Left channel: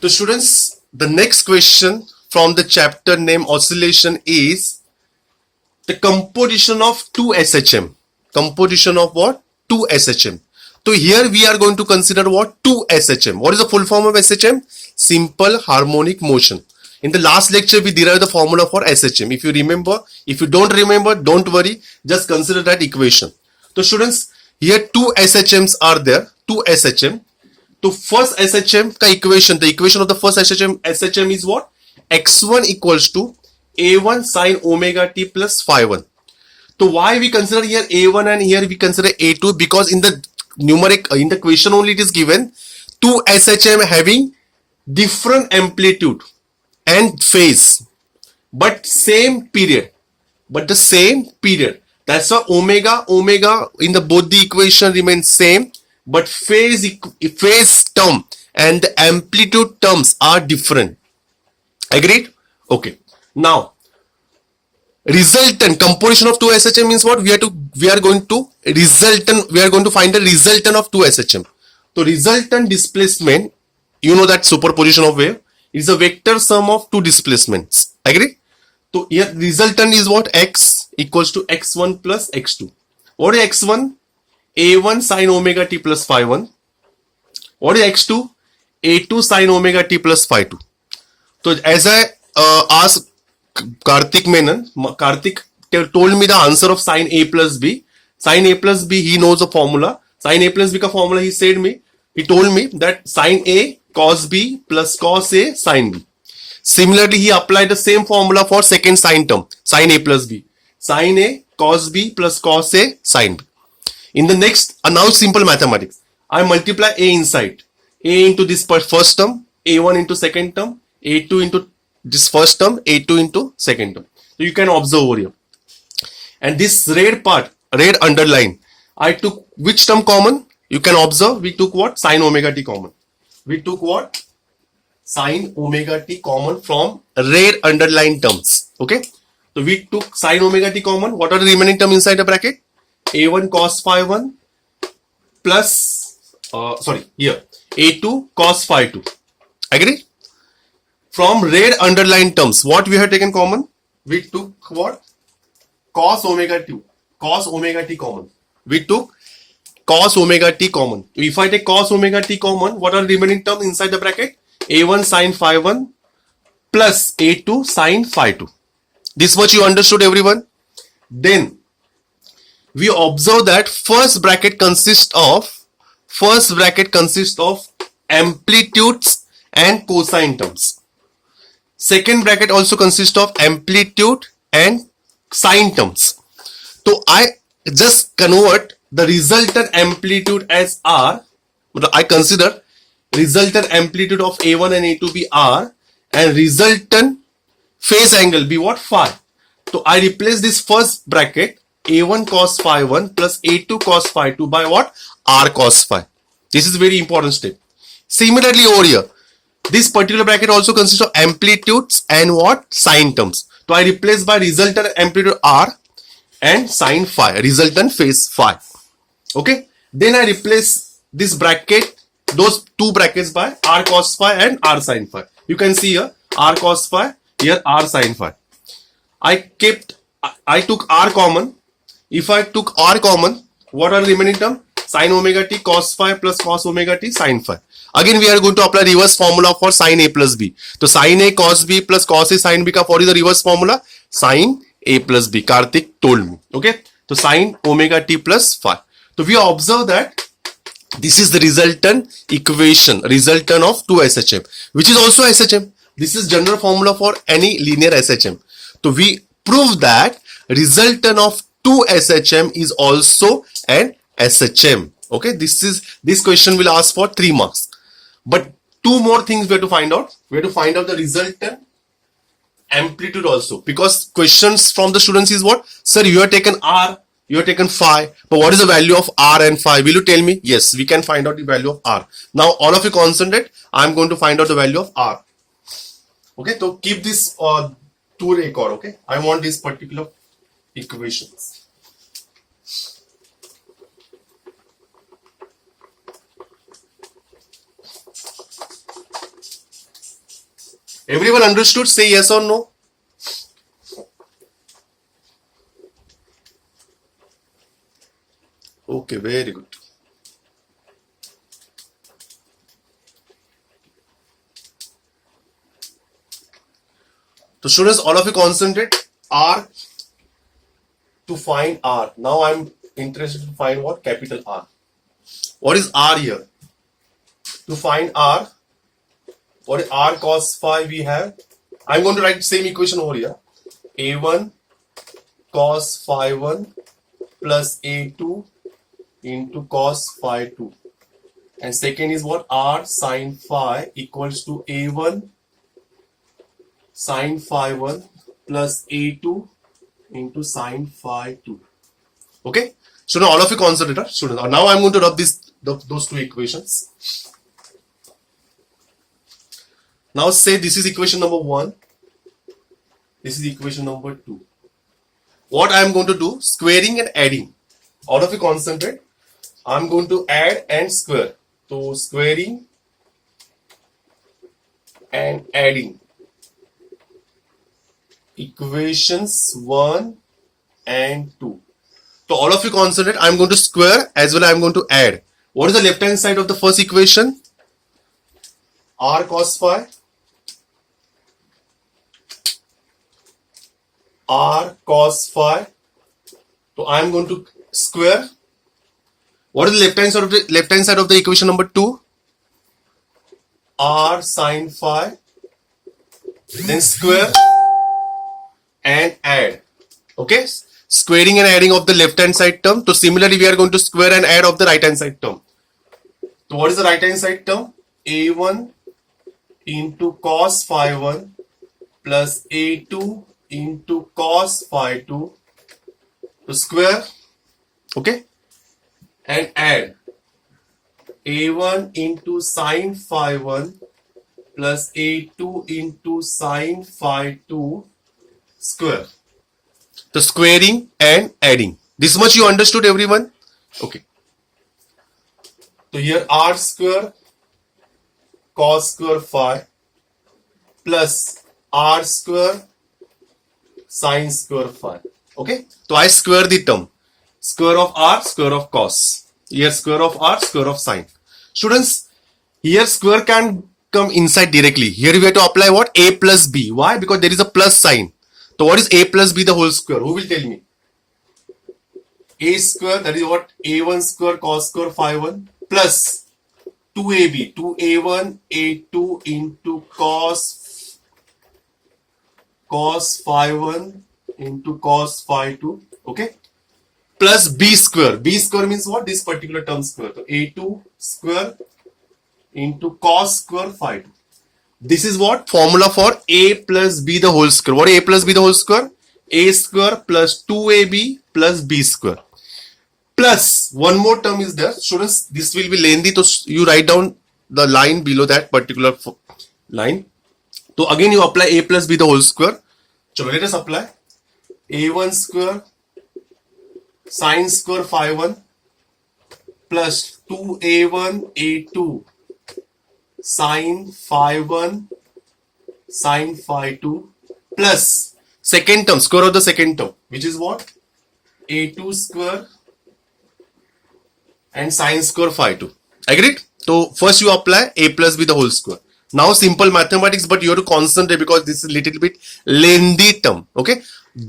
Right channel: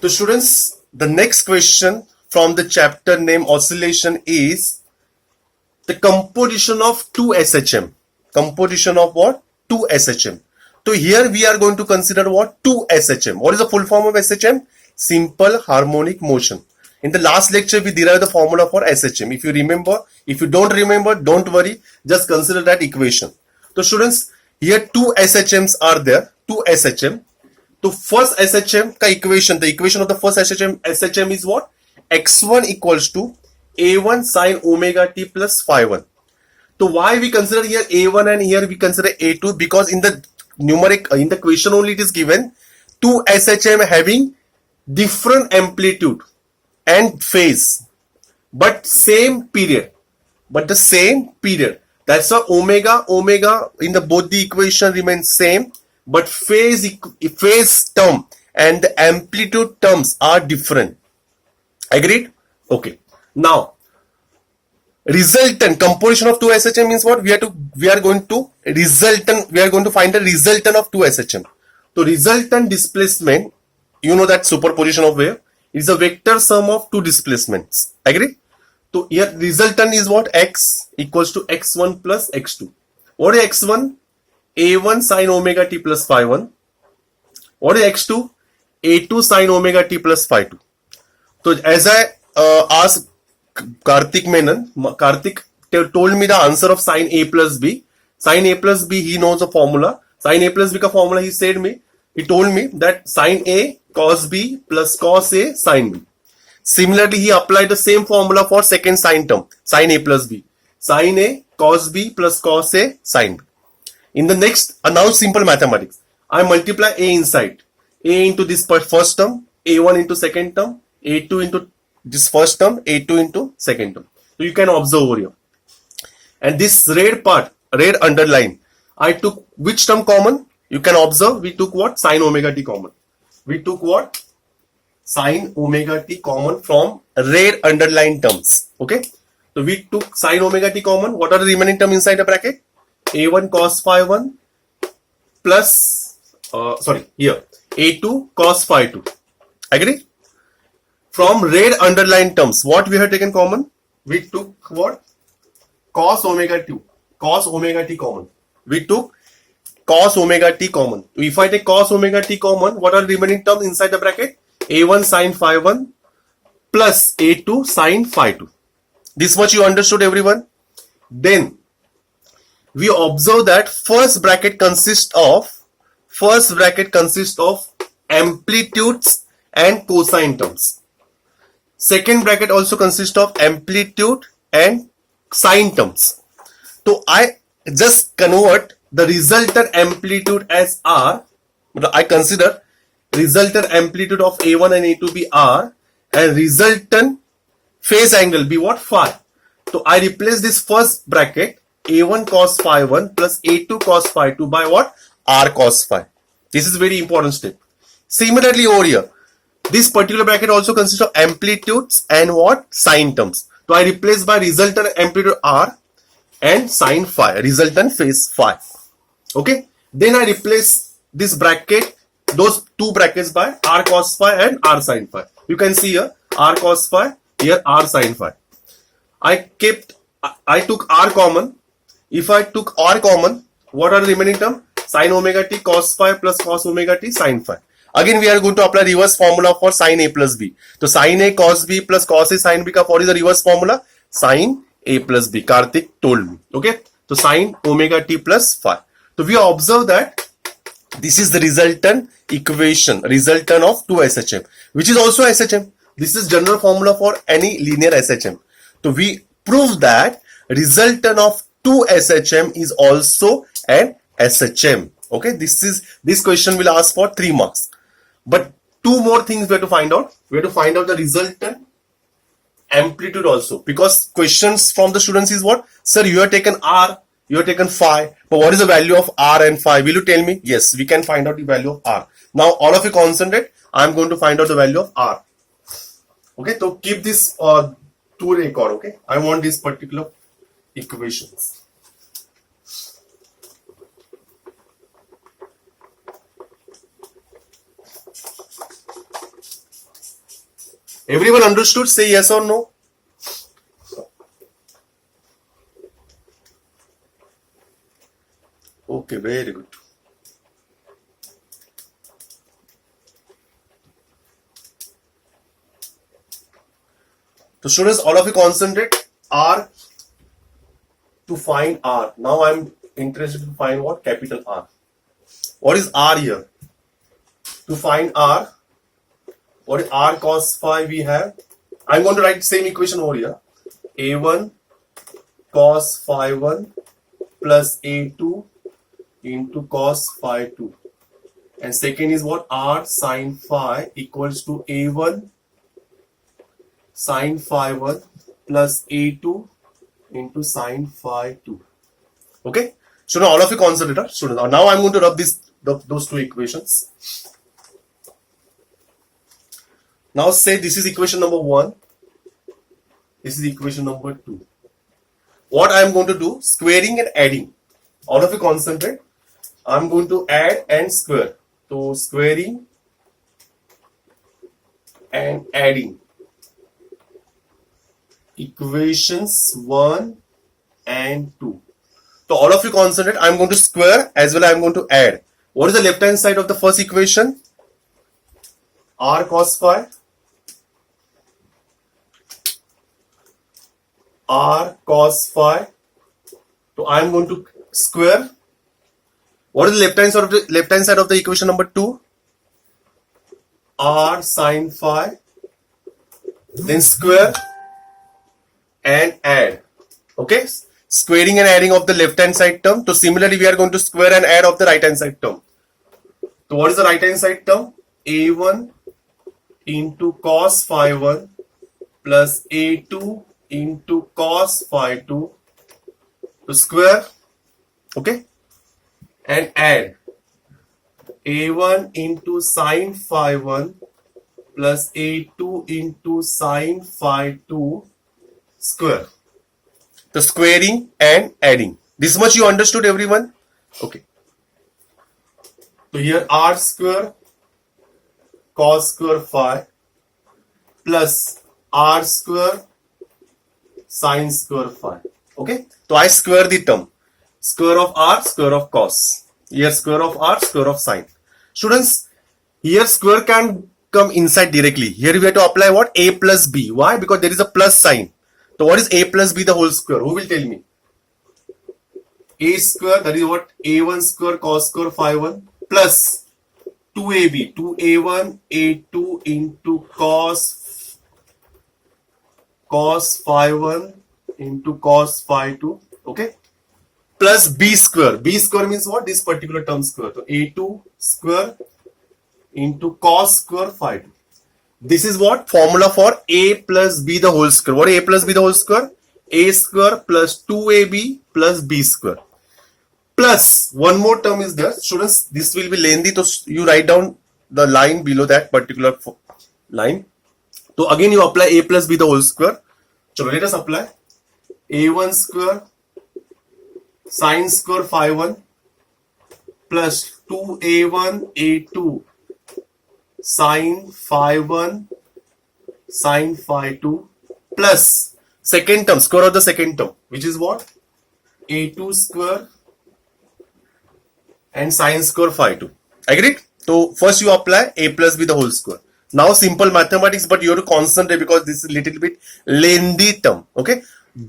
So students, the next question from the chapter name oscillation is the composition of 2 SHM. Composition of what? 2 SHM. So here we are going to consider what? 2 SHM. What is the full form of SHM? Simple harmonic motion. In the last lecture, we derived the formula for SHM. If you remember, if you don't remember, don't worry. Just consider that equation. So students, here 2 SHMs are there. 2 SHM. So first SHM ka equation, the equation of the first SHM is what? X1 equals to A1 sine omega t plus phi 1. So why we consider here A1 and here we consider A2? Because in the numeric, in the question only it is given 2 SHM having different amplitude and phase, but same period. But the same period. That's why omega in the both the equation remains same, but phase term and the amplitude terms are different. Agreed? Okay. Now, resultant composition of 2 SHM means what? We are going to find the resultant of 2 SHM. So resultant displacement, you know that superposition of wave is a vector sum of 2 displacements. Agree? So here resultant is what? X equals to x1 plus x2. What is x1? A1 sine omega t plus phi 1. What is x2? A2 sine omega t plus phi 2. So as I asked Karthik Menon, Karthik told me the answer of sine A plus B. Sine A plus B, he knows the formula. Sine A plus B ka formula, he told me that sine A cos B plus cos A sine B. Similarly, he applied the same formula for second sine term, sine A plus B. Sine A cos B plus cos A sine B. In the next, now simple mathematics. I multiply A inside. A into this first term, A1 into second term, A2 into this first term, A2 into second term. So you can observe over here. And this red part, red underline, I took which term common? You can observe we took what? Sine omega t common. We took what? Sine omega t common from red underline terms. Okay. So we took sine omega t common. What are the remaining terms inside the bracket? A1 cos phi 1 plus, here, A2 cos phi 2. Agree? From red underline terms, what we have taken common? We took what? Cos omega t common. We took cos omega t common. So if I take cos omega t common, what are the remaining terms inside the bracket? A1 sine phi 1 plus A2 sine phi 2. This much you understood, everyone? Then we observe that first bracket consists of amplitudes and cosine terms. Second bracket also consists of amplitude and sine terms. So I just convert the resultant amplitude as R. I consider resultant amplitude of A1 and A2 be R and resultant phase angle be what? Phi. So I replace this first bracket A1 cos phi 1 plus A2 cos phi 2 by what? R cos phi. This is very important step. Similarly over here, this particular bracket also consists of amplitudes and what? Sine terms. So I replace by resultant amplitude R and sine phi, resultant phase phi. Okay. Then I replace this bracket, those two brackets by R cos phi and R sine phi. You can see here R cos phi, here R sine phi. I took R common. If I took R common, what are the remaining terms? Sin omega t cos phi plus cos omega t sin phi. Again, we are going to apply reverse formula for sin A plus B. So sin A cos B plus cos A sin B ka what is the reverse formula? Sin A plus B. Karthik told me. Okay. So sin omega t plus phi. So we observe that this is the resultant equation, resultant of 2 SHM, which is also SHM. This is general formula for any linear SHM. So we prove that resultant of 2 SHM is also an SHM. Okay, this question will ask for 3 marks. But 2 more things we have to find out. We have to find out the resultant amplitude also, because questions from the students is what? Sir, you have taken R, you have taken phi, but what is the value of R and phi? Will you tell me? Yes, we can find out the value of R. Now all of you concentrate. I'm going to find out the value of R. Okay, so keep this to record. Okay, I want these particular equations. Everyone understood? Say yes or no. Okay, very good. So students, all of you concentrate. R to find R. Now I'm interested to find what? Capital R. What is R here? To find R, what is R cos phi we have? I'm going to write the same equation over here. A1 cos phi 1 plus A2 into cos phi 2. And second is what? R sin phi equals to A1 sin phi 1 plus A2 into sin phi 2. Okay? So now all of you concentrate. Students. Now I'm going to rub those two equations. Now say this is equation number 1. This is equation number 2. What I am going to do? Squaring and adding. All of you concentrate. I'm going to add and square. So squaring and adding. Equations 1 and 2. So all of you concentrate. I'm going to square as well as I'm going to add. What is the left hand side of the first equation? R cos phi. R cos phi. So I'm going to square. What is the left hand side of the equation number 2? R sin phi. Then square and add. Okay? Squaring and adding of the left hand side term. So similarly we are going to square and add of the right hand side term. So what is the right hand side term? A1 into cos phi 1 plus A2 into cos phi 2 to square, okay, and add A1 into sin phi 1 plus A2 into sin phi 2 square. So squaring and adding. This much you understood, everyone? Okay. So here R square cos square phi plus R square sin square phi. Okay. So I square the term. Square of R, square of cos. Here square of R, square of sin. Students, here square can come inside directly. Here we have to apply what? A plus B. Why? Because there is a plus sign. So what is A plus B the whole square? Who will tell me? A square, that is what? A1 square cos square phi 1 plus 2AB, 2A1, A2 into cos phi 1 into cos phi 2, okay? Plus B square. B square means what? This particular term square. So A2 square into cos square phi 2. This is what? Formula for A plus B the whole square. What is A plus B the whole square? A square plus 2AB plus B square. Plus one more term is there. Students, this will be lengthy. So you write down the line below that particular line. So again you apply A plus B the whole square. So let us apply A1 square sin square phi 1 plus 2A1 A2 sin phi 1 sin phi 2 plus second term, square of the second term, which is what? A2 square and sin square phi 2. Agreed? So first you apply A plus B the whole square. Now simple mathematics, but you have to concentrate because this is little bit lengthy term. Okay?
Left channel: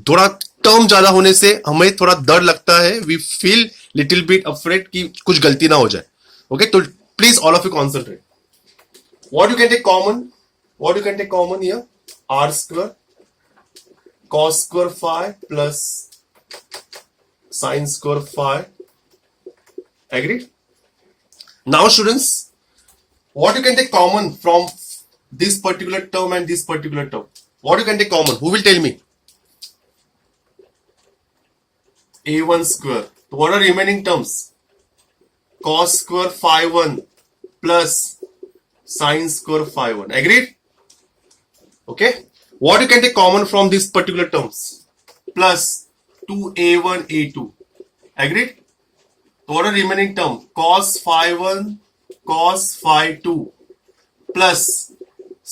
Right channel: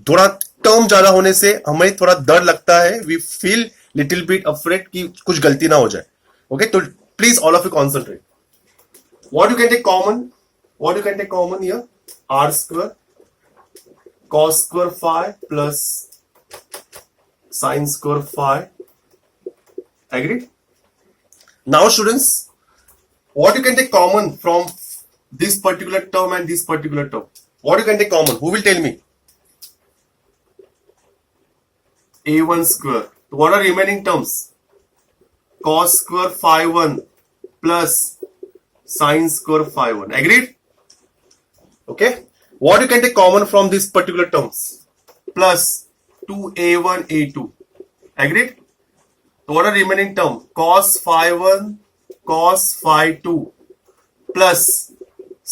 थोड़ा term ज्यादा होने से हमें थोड़ा डर लगता है. We feel little bit afraid कि कुछ गलती ना हो जाए. Okay? तो please all of you concentrate. What you can take common? What you can take common here? R square cos square phi plus sin square phi. Agreed? Now students, what you can take common from this particular term and this particular term? What you can take common? Who will tell me? A1 square. So what are remaining terms? Cos square phi 1 plus sin square phi 1. Agreed? Okay. What you can take common from this particular terms? Plus 2A1 A2. Agreed? So what are remaining term? Cos phi 1 cos phi 2 plus